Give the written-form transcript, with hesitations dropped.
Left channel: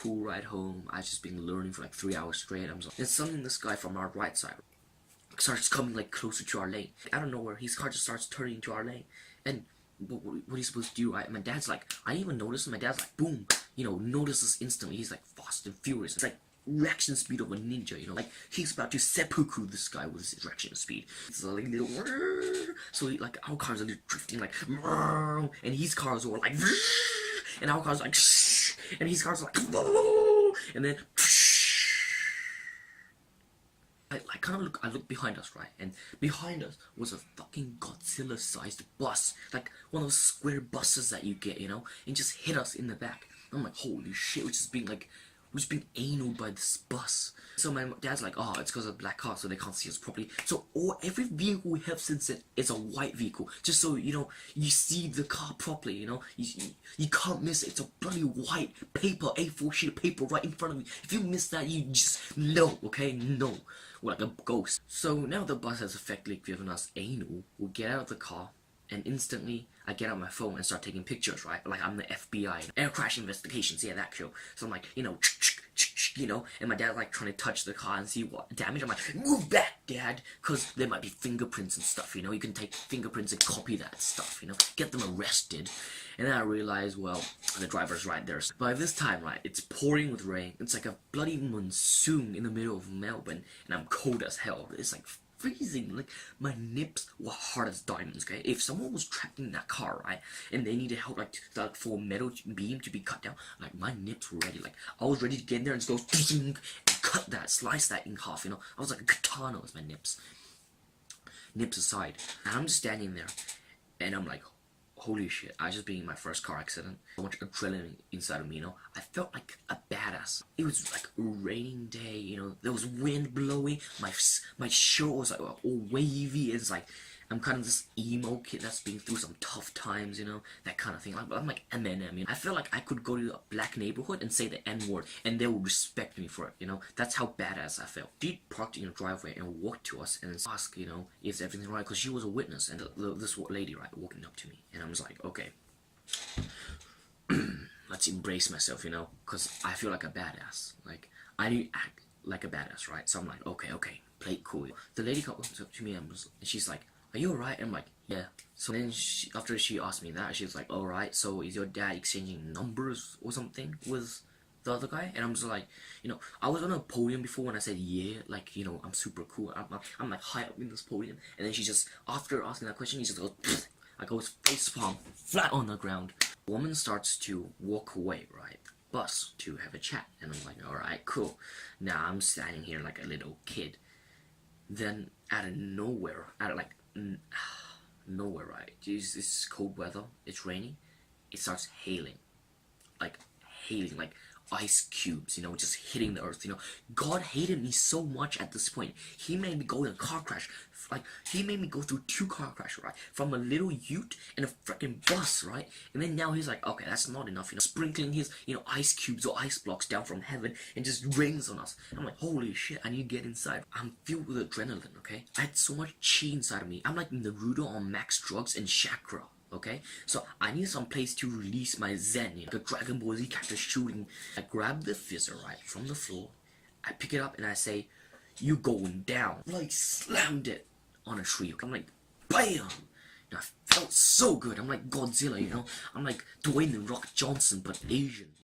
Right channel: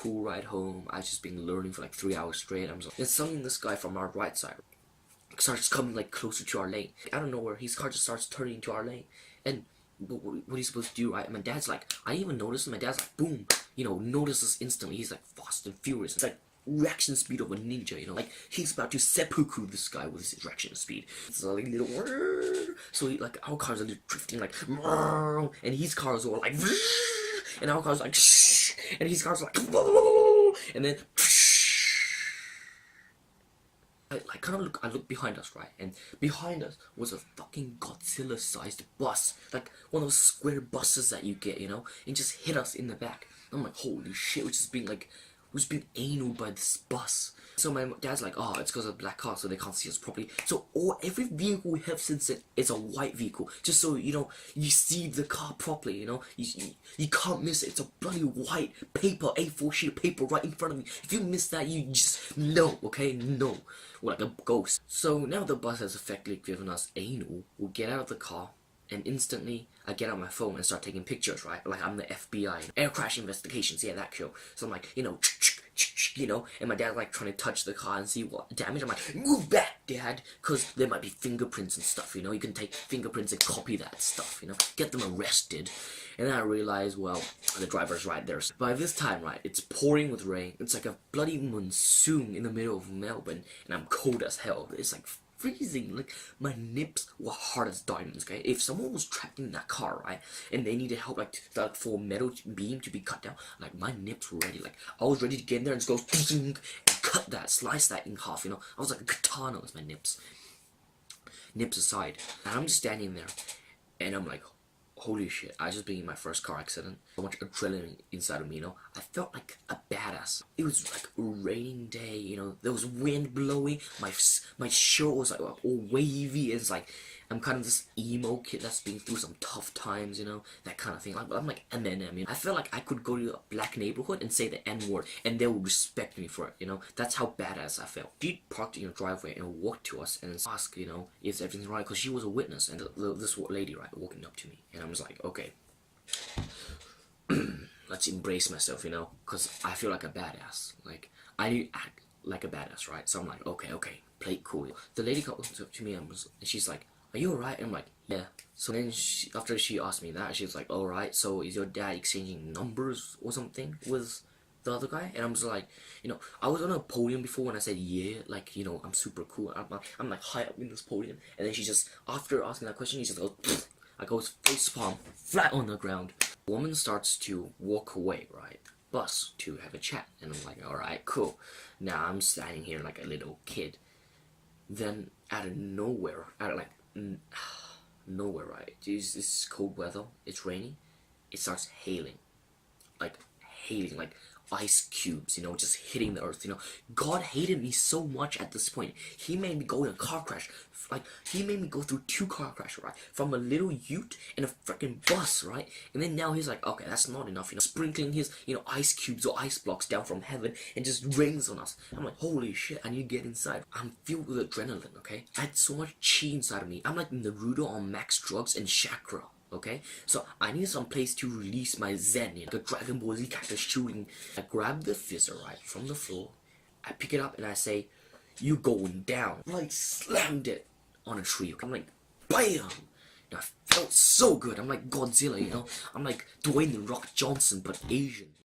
cool ride home. I just been learning for like 3 hours straight. And suddenly this guy from our right side starts coming like closer to our lane. I don't know where his car just starts turning into our lane. And what he's supposed to do, right? My dad's like, I didn't even notice. My dad's like, boom, notices instantly. He's like fast and furious. It's like reaction speed of a ninja, like he's about to seppuku this guy with his reaction speed. It's like little, so like our cars are drifting like, and his cars are like, and our cars are like, and his cars are like, and then I look behind us, right? And behind us was a fucking Godzilla-sized bus, like one of those square buses that you get, and just hit us in the back. I'm like, holy shit, we're just being anal by this bus. So my dad's like, oh, it's because of black car, so they can't see us properly. So every vehicle we have since it is a white vehicle, just so you see the car properly. You can't miss it. It's a bloody white paper, A4 sheet of paper right in front of me. If you miss that, you just no, okay, no, we're like a ghost. So now the bus has effectively given us anal. We'll get out of the car. And instantly, I get out my phone and start taking pictures, right? Like I'm the FBI, air crash investigations, yeah, that show. So I'm like, and my dad's like trying to touch the car and see what damage. I'm like, move back, Dad, because there might be fingerprints and stuff, you can take fingerprints and copy that stuff, get them arrested. And then I realize, well, the driver's right there. So by this time, right, it's pouring with rain. It's like a bloody monsoon in the middle of Melbourne, and I'm cold as hell. It's like freezing. Like my nips were hard as diamonds. Okay, if someone was trapped in that car, right, and they needed help, like for a metal beam to be cut down, like my nips were ready. Like I was ready to get in there and just go and cut that, slice that in half. I was like a katana with my nips. Nips aside, and I'm just standing there, and I'm like, holy shit, I just been in my first car accident. So much adrenaline inside of me, I felt like a badass. It was like a raining day, there was wind blowing, my shirt was like all wavy. It's like, I'm kind of this emo kid that's been through some tough times, that kind of thing. I'm like Eminem, I felt like I could go to a black neighborhood and say the N-word, and they would respect me for it, That's how badass I felt. She parked in the driveway and walked to us and asked, if everything's right, because she was a witness, and this lady, right, walking up to me, and I was like, okay, let's embrace myself, because I feel like a badass. Like, I act like a badass, right? So I'm like, okay, play it cool. The lady comes up to me and she's like, are you alright? I'm like, yeah. So then after she asked me that, she was like, alright, so is your dad exchanging numbers or something with the other guy? And I'm just like, I was on a podium before when I said yeah, like, I'm super cool. I'm like high up in this podium. And then she just, after asking that question, she just goes, pfft. I go face palm flat on the ground. The woman starts to walk away, right? Bus to have a chat. And I'm like, alright, cool. Now I'm standing here like a little kid. Then out of nowhere, right? It's cold weather, it's raining, it starts hailing, like ice cubes, just hitting the earth, God hated me so much at this point. He made me go in a car crash. Like, he made me go through 2 car crashes, right? From a little ute and a freaking bus, right? And then now he's like, okay, that's not enough, sprinkling his, ice cubes or ice blocks down from heaven and just rains on us. I'm like, holy shit, I need to get inside. I'm filled with adrenaline, okay? I had so much chi inside of me. I'm like Naruto on max drugs and chakra, okay? So I need some place to release my zen, like a Dragon Ball Z character shooting. I grab the fizzer, right, from the floor. I pick it up and I say, you going down. Like, slammed it on a tree. I'm like, BAM! I felt so good. I'm like Godzilla, I'm like Dwayne The Rock Johnson, but Asian.